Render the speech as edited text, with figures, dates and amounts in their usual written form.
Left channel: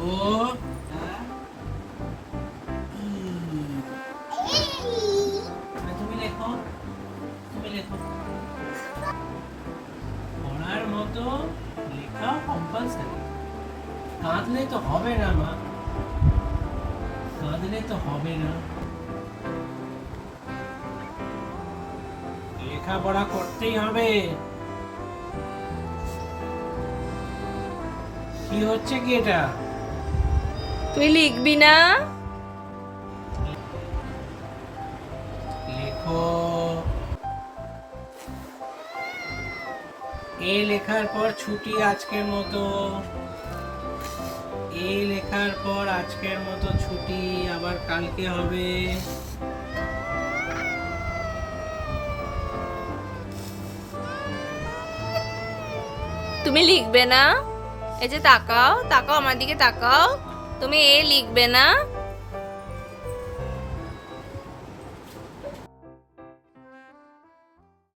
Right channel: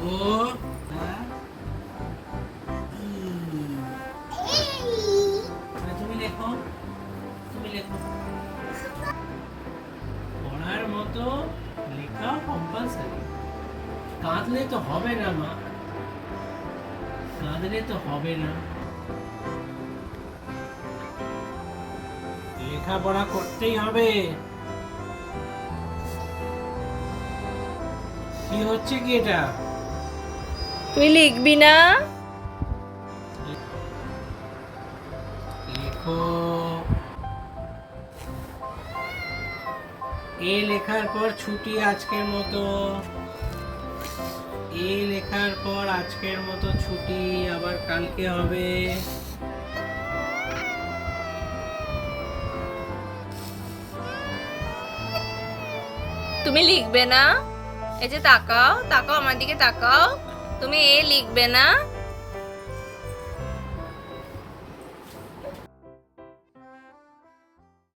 ও আর ই। তুমি লেখো, তুমি লেখো। পড়ার মতো লেখা কম্পালসারি। কাঁদলে তো হবে না মা, কাঁদলে তো হবে না। লেখাপড়া করতেই হবে। কি হচ্ছে কি এটা? তুই লিখবি না? লেখো। এ লেখার পর ছুটি আজকের মতো। এ লেখার পর আজকের মতো ছুটি, আবার কালকে হবে। তুমি লিখবে না? এই যে তাকাও, তাকাও আমার দিকে তাকাও। তুমি এ লিখবে না?